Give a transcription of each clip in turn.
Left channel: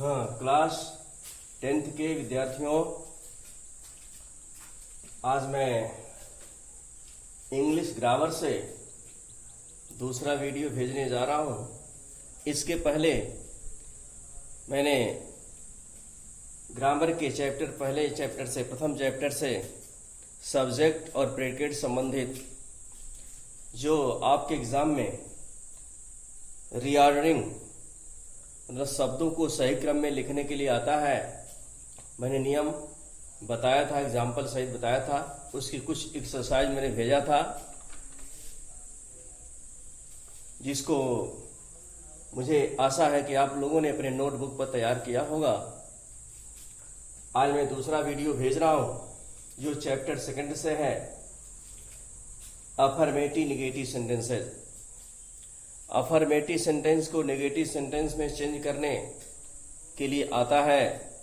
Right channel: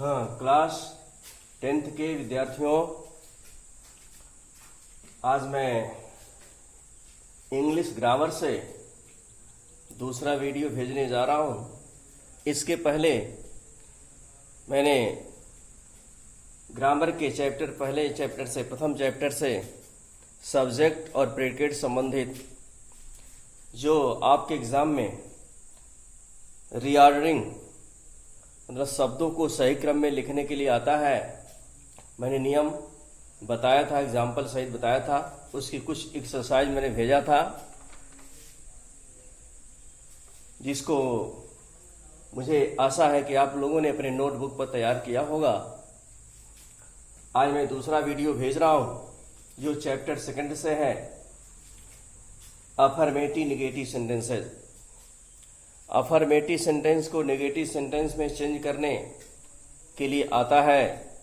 हाँ, class 10th के विद्यार्थियों, आज मैं इंग्लिश ग्रामर से दूसरा वीडियो भेजने जा रहा हूँ। इसके पहले मैंने ग्रामर के प्रथम चैप्टर से सब्जेक्ट और प्रेडिकेट संबंधित जो आपके एग्जाम में रीऑर्डरिंग मतलब शब्दों को सही क्रम में लिखने के लिए आता है, मैंने नियम बताया था, एग्जाम्पल सहित बताया था। उसकी कुछ एक्सरसाइज मैंने भेजा था, जिसको मुझे आशा है कि आप लोगों ने अपने नोटबुक पर तैयार किया होगा। आज मैं दूसरा वीडियो भेज रहा हूं, जो चैप्टर 2 से है, affirmative negative sentences. Affirmative sentence को नेगेटिव सेंटेंस में चेंज करने के लिए आता है,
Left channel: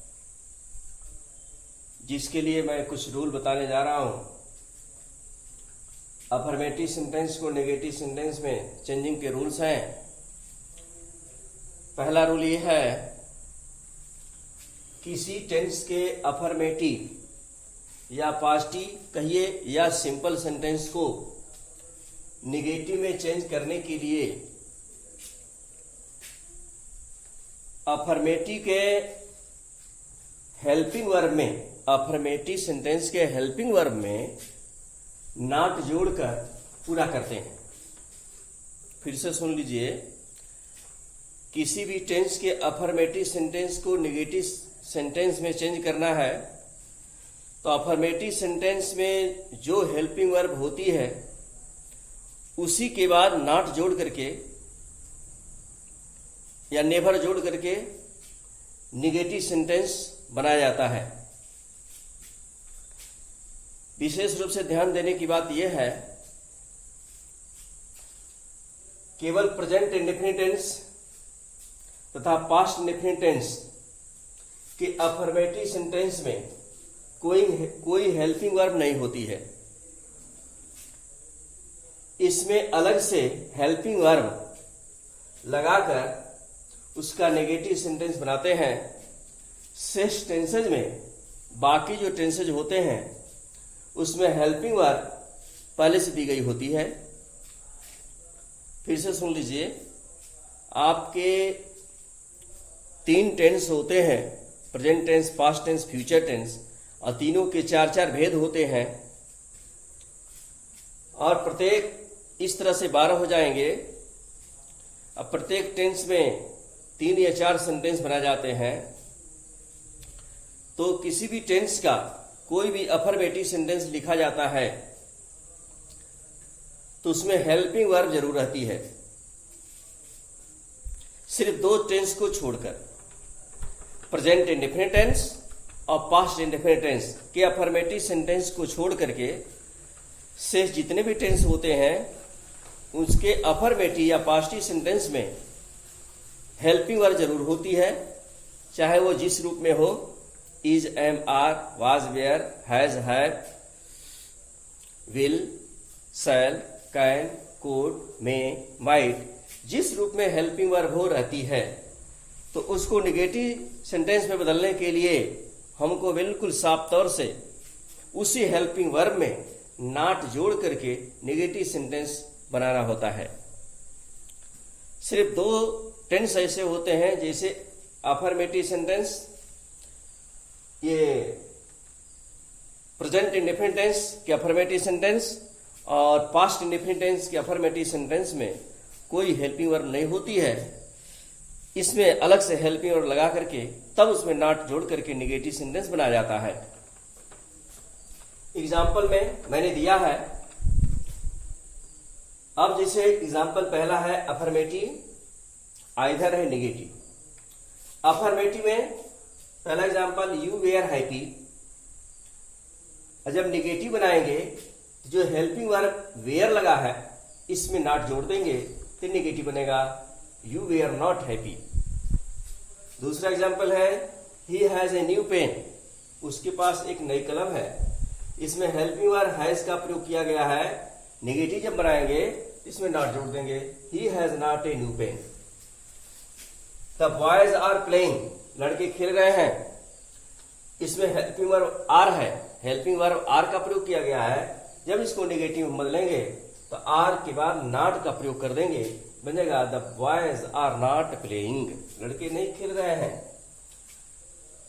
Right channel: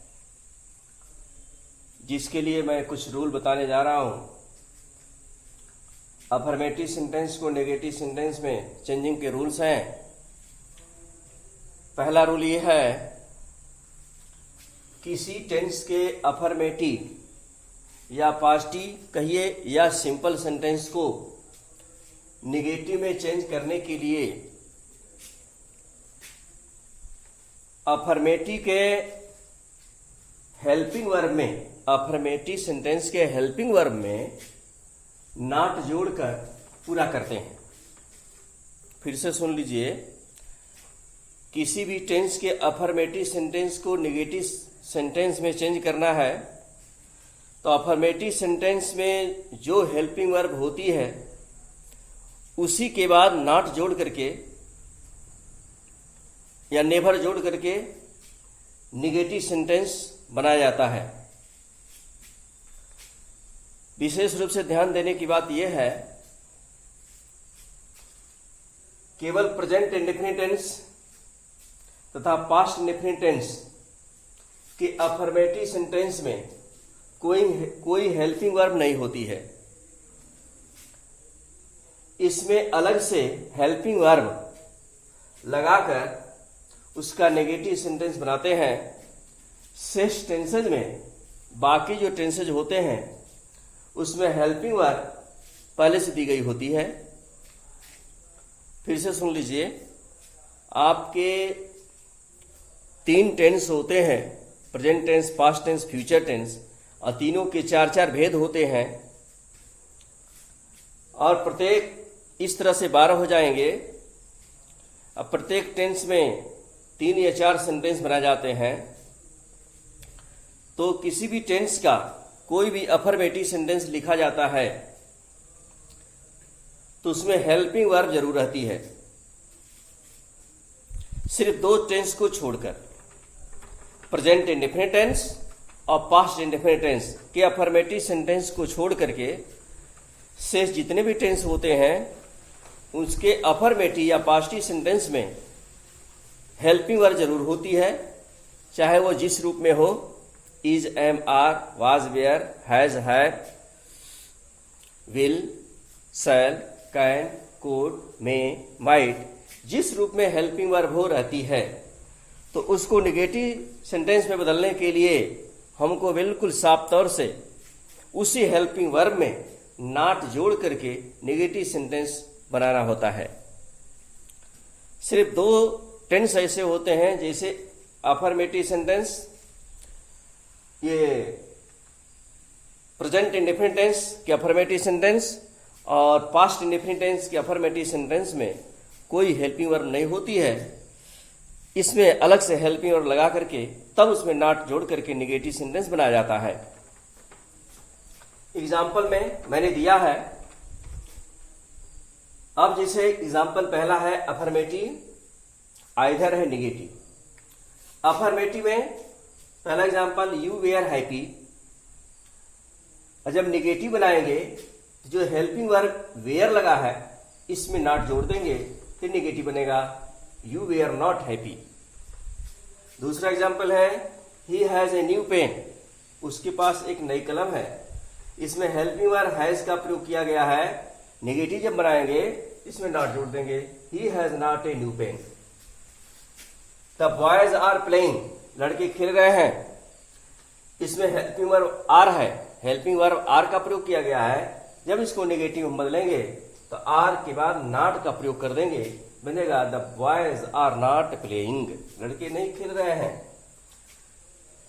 जिसके लिए मैं कुछ रूल बताने जा रहा हूं। अफर्मेटिव सेंटेंस को नेगेटिव सेंटेंस में चेंजिंग के रूल्स हैं। पहला रूल ये है, किसी टेंस के अफर्मेटिव या पॉजिटिव कहिए या सिंपल सेंटेंस को नेगेटिव में चेंज करने के लिए अफर्मेटिव के हेल्पिंग वर्ब में, अफर्मेटिव सेंटेंस के हेल्पिंग वर्ब में नॉट जोड़कर पूरा करते हैं। फिर से सुन लीजिए, किसी भी टेंस के अफर्मेटिव सेंटेंस को नेगेटिव सेंटेंस में चेंज करना है तो अफर्मेटिव सेंटेंस में जो हेल्पिंग वर्ब होती है उसी के बाद नॉट जोड़ करके या नेवर जोड़ करके नेगेटिव सेंटेंस बनाया जाता है। विशेष रूप से ध्यान देने की बात यह है, केवल प्रेजेंट इंडेफिनिट टेंस तथा पास्ट इंडेफिनिट टेंस के अफर्मेटिव सेंटेंस में कोई हेल्पिंग वर्ब नहीं होती है। इसमें अलग से हेल्पिंग वर्ब लगाकर उसका नेगेटिव सेंटेंस बनाते हैं। शेष टेंसेज में, बाकी जो टेंसेज होते हैं उसमें हेल्पिंग वर्ब पहले से दी गई होती है। फिर से सुन लीजिए, आपके 3 टेंस होते हैं, present tense, past tense, future tense, और तीनों के 4 भेद होते हैं और प्रत्येक इस तरह से 12 हो जाएंगे। अब प्रत्येक टेंस में 3 या 4 सेंटेंस बनाए जाते हैं। तो किसी भी टेंस का कोई भी अफर्मेटिव सेंटेंस लिखा जाता है तो उसमें हेल्पिंग वर्ब जरूर रहती है। सिर्फ 2 टेंस को छोड़कर, प्रेजेंट इंडेफिनिट टेंस और पास्ट इंडेफिनिट टेंस के अफर्मेटिव सेंटेंस को छोड़ करके शेष जितने भी टेंस होते हैं उसके अफर्मेटिव या पॉजिटिव सेंटेंस में हेल्पिंग वर्ब जरूर होती है, चाहे वो जिस रूप में हो, is, am, are, was, were, has, have, will, shall, can, could, may, might, जिस रूप में हेल्पिंग वर्ब हो रहती है। तो उसको नेगेटिव सेंटेंस में बदलने के लिए हमको बिल्कुल साफ तौर से उसी हेल्पिंग वर्ब में नॉट जोड़ करके नेगेटिव सेंटेंस बनाना होता है। सिर्फ 2 टेंस ऐसे होते हैं, जैसे अफर्मेटिव सेंटेंस, ये प्रेजेंट इंडेफिनिट टेंस के अफर्मेटिव सेंटेंस और पास्ट इंडेफिनिट टेंस के अफर्मेटिव सेंटेंस में कोई हेल्पिंग वर्ब नहीं होती है। इसमें अलग से हेल्पिंग वर्ब लगा करके तब उसमें नॉट जोड़ करके नेगेटिव सेंटेंस बनाया जाता है। एग्जाम्पल में मैंने दिया है। अब जैसे एग्जाम्पल पहला है अफर्मेटिव, आइदर है नेगेटिव। अफर्मेटिव में पहला एग्जाम्पल, यू वेयर हैप्पी। जब नेगेटिव बनाएंगे तो जो हेल्पिंग वर्ब वेयर लगा है इसमें नॉट जोड़ देंगे, फिर नेगेटिव बनेगा, यू वेयर नॉट हैप्पी। दूसरा एग्जाम्पल है, he has a new pen. उसके पास एक नई कलम है। इसमें हेल्पिंग वर्ब हैज का प्रयोग किया गया है। नेगेटिव जब बनाएंगे इसमें नॉट जोड़ देंगे, he has not a new pen. The boys are playing, लड़के खेल रहे हैं, इसमें हेल्पिंग वर्ब आर है, हेल्पिंग वर्ब आर का प्रयोग किया गया है। जब इसको नेगेटिव में बदलेंगे तो आर के बाद नॉट का प्रयोग कर देंगे, बनेगा the boys are not playing, लड़के नहीं खेल रहे हैं।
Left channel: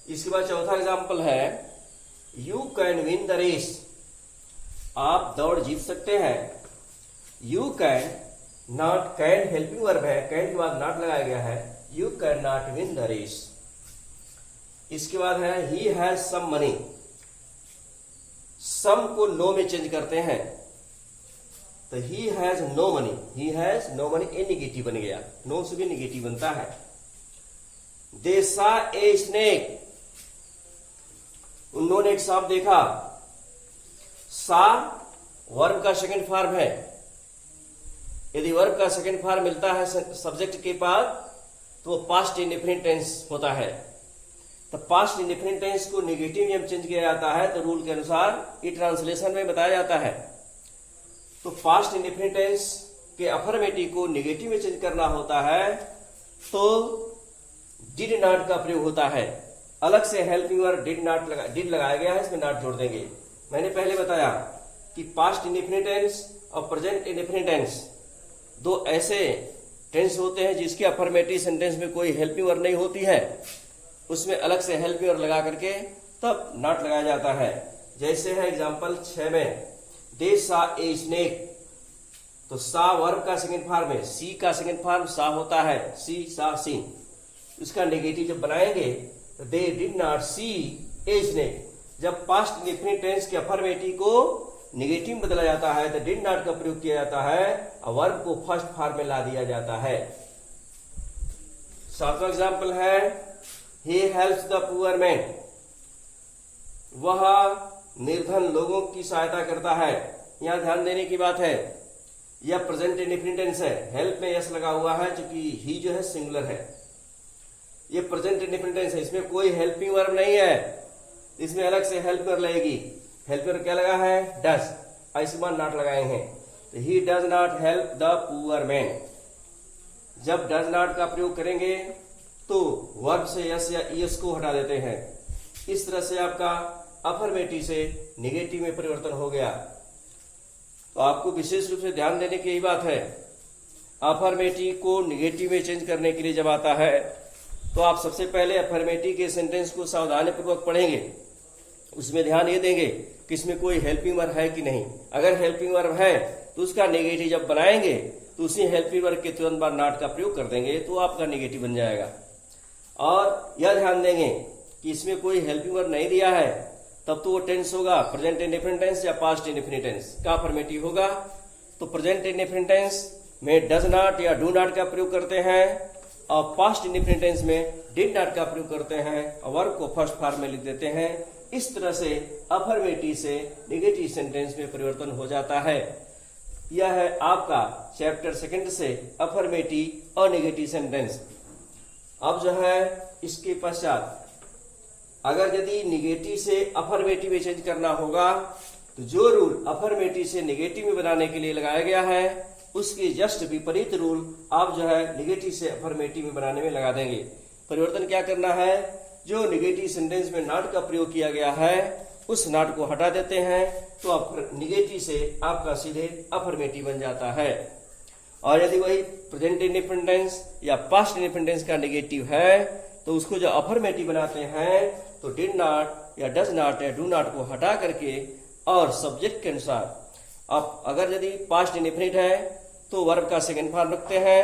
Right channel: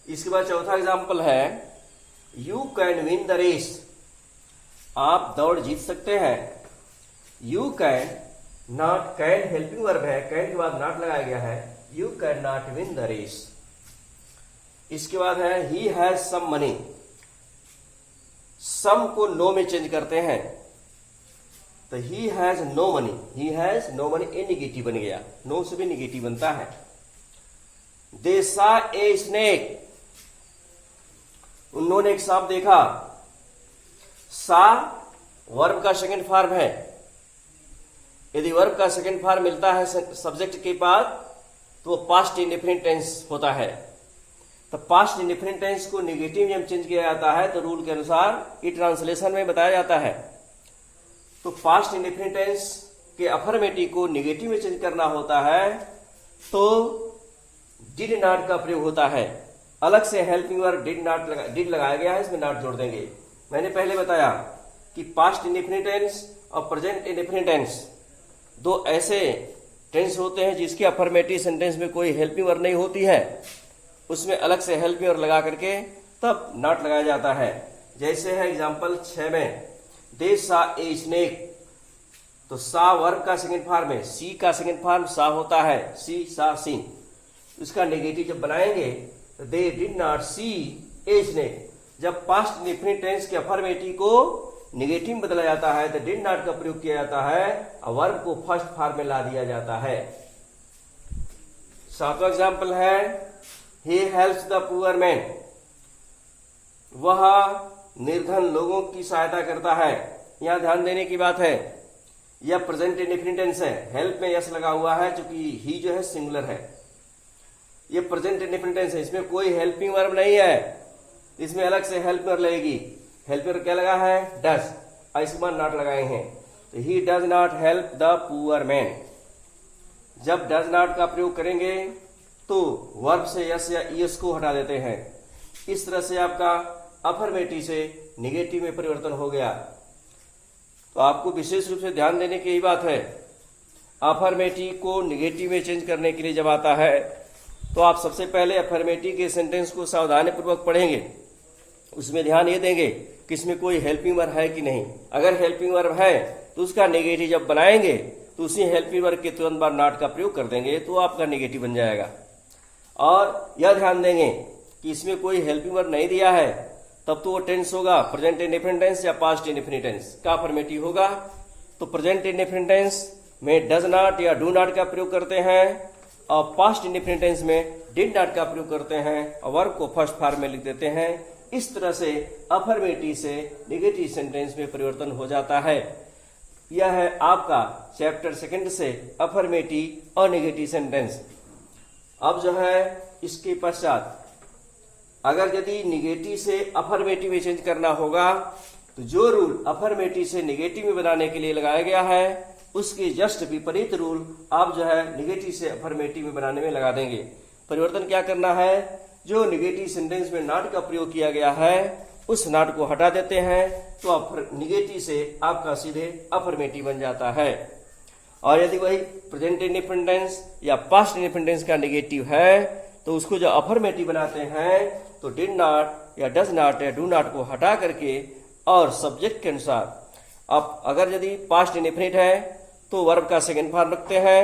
इसके बाद चौथा एग्जाम्पल है you can win the race, आप दौड़ जीत सकते हैं। You can not, can helping verb है, कैन के बाद नॉट लगाया गया है, you can not win the race. इसके बाद है ही हैज सम मनी, सम को नो में चेंज करते हैं तो he has no money, he has no money, a negative बन गया, नो से भी निगेटिव बनता है। दे सा ए स्नेक, उन्होंने एक सांप देखा। सा वर्ब का सेकंड फॉर्म है, यदि वर्ब का सेकंड फॉर्म मिलता है सब्जेक्ट के बाद तो वो पास्ट इंडेफिनिट टेंस होता है। तो पास्ट इंडेफिनिट टेंस को नेगेटिव में चेंज किया जाता है तो रूल के अनुसार ये ट्रांसलेशन में बताया जाता है। तो पास्ट इंडेफिनिट टेंस के अफर्मेटिव को नेगेटिव में चेंज करना होता है तो डिड नॉट का प्रयोग होता है। अलग से हेल्पिंग वर्ब डिड लगाया गया है, इसमें नॉट जोड़ देंगे। मैंने पहले बताया कि पास्ट इंडेफिनिट टेंस और प्रेजेंट इंडेफिनिट टेंस दो ऐसे टेंस होते हैं जिसकी अफर्मेटिव सेंटेंस में कोई हेल्पिंग वर्ब नहीं होती है, उसमें अलग से हेल्पिंग वर्ब लगा करके तब नॉट लगाया जाता है। जैसे है एग्जांपल 6 में दे सा ए स्नेक, तो सा वर्ब का सेकंड फॉर्म है, सी का सेकंड फॉर्म सा होता है, सी सा सी। उसका नेगेटिव जब बनाएंगे तो they did not see a snake. जब पास्ट इंडेफिनिट टेंस के अफर्मेटिव को नेगेटिव में बदला जाता है तो डिड नॉट का प्रयोग किया जाता है और वर्ब को फर्स्ट फॉर्म में ला दिया जाता है। 7वां एग्जाम्पल है he helps the poor man, वह निर्धन लोगों की सहायता करता है। यहां ध्यान देने की बात है यह प्रेजेंट इंडेफिनिट टेंस है, हेल्प में यस लगा हुआ है क्योंकि ही जो है सिंगुलर है। यह प्रेजेंट इंडेफिनिट टेंस है, इसमें कोई हेल्पिंग वर्ब नहीं है, इसमें अलग से हेल्प वर्ब लगेगी। हेल्प वर्ब क्या लगा है? डज, इसके बाद नॉट लगाए हैं तो he does not help the poor man. जब डज नॉट का प्रयोग करेंगे तो वर्ब से यस या ईएस को हटा देते हैं। इस तरह से आपका अफर्मेटिव से निगेटिव में परिवर्तन हो गया। तो आपको विशेष रूप से ध्यान देने की यही बात है, अफर्मेटिव को निगेटिव में चेंज करने के लिए जब आता है तो आप सबसे पहले अफर्मेटिव के सेंटेंस को सावधानी पूर्वक पढ़ेंगे, उसमें ध्यान ये देंगे कि इसमें कोई हेल्पिंग वर्ब है कि नहीं। अगर हेल्पिंग वर्ब है तो उसका नेगेटिव जब बनाएंगे तो उसी हेल्पिंग वर्ब के तुरंत बाद नॉट का प्रयोग कर देंगे तो आपका नेगेटिव बन जाएगा। और यह ध्यान देंगे कि इसमें कोई हेल्पिंग वर्ब नहीं दिया है तब तो वो टेंस होगा प्रेजेंट इंडेफिनिट टेंस या पास्ट इंडेफिनिट टेंस का अफर्मेटिव होगा। तो प्रेजेंट इंडेफिनिट टेंस में डज नॉट या डू नॉट का प्रयोग करते हैं और पास्ट इंडेफिनिट टेंस में डिड नॉट का प्रयोग करते हैं और वर्ब को फर्स्ट फॉर्म में लिख देते हैं। इस तरह से अफर्मेटिव से नेगेटिव सेंटेंस में परिवर्तन हो जाता है। यह है आपका चैप्टर 2 से अफर्मेटिव और नेगेटिव सेंटेंस। अब जो है इसके पश्चात अगर यदि निगेटिव से अफर्मेटिव में चेंज करना होगा तो जो रूल अफर्मेटिव से निगेटिव में बनाने के लिए लगाया गया है उसके जस्ट विपरीत रूल आप जो है निगेटिव से अफर्मेटिव में बनाने में लगा देंगे। परिवर्तन क्या करना है? जो निगेटिव सेंटेंस में नॉट का प्रयोग किया गया है उस नॉट को हटा देते हैं तो निगेटिव से आपका सीधे अफर्मेटिव बन जाता है। और यदि वही प्रेजेंट इंडेफिनिट टेंस या पास्ट इंडेफिनिट टेंस का नेगेटिव है तो उसको जो अफर्मेटिव बनाते हैं तो डिड नॉट या डज नॉट या डू नॉट को हटा करके और सब्जेक्ट के अनुसार अब अगर यदि पास्ट इंडेफिनिट है तो वर्ब का सेकंड फॉर्म रखते हैं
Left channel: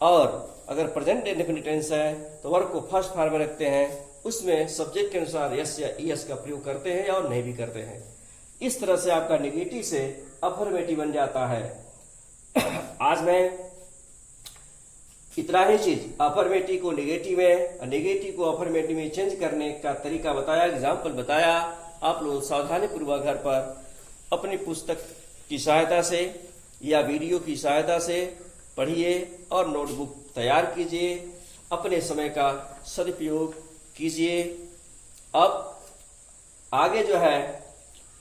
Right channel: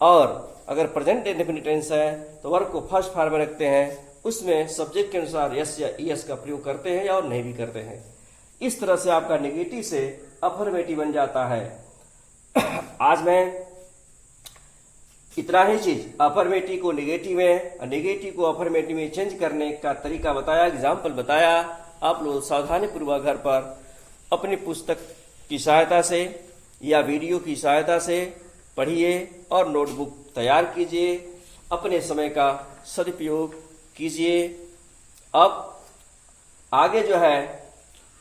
और अगर प्रेजेंट इंडेफिनिट टेंस है तो वर्ब को फर्स्ट फॉर्म में रखते हैं, उसमें सब्जेक्ट के अनुसार यस या ईएस का प्रयोग करते हैं और नहीं भी करते हैं। इस तरह से आपका नेगेटिव से अफर्मेटिव बन जाता है। आज मैं इतना ही चीज अफर्मेटिव को नेगेटिव में और नेगेटिव को अफर्मेटिव में चेंज करने का तरीका बताया, एग्जाम्पल बताया। आप लोग सावधानी पूर्वक घर पर अपनी पुस्तक की सहायता से या वीडियो की सहायता से पढ़िए और नोटबुक तैयार कीजिए, अपने समय का सदुपयोग कीजिए। अब आगे जो है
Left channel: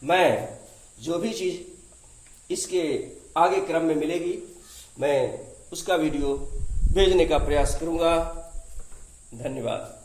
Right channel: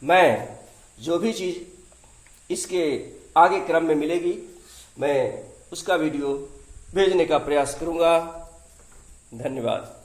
मैं जो भी चीज इसके आगे क्रम में मिलेगी मैं उसका वीडियो भेजने का प्रयास करूंगा। धन्यवाद।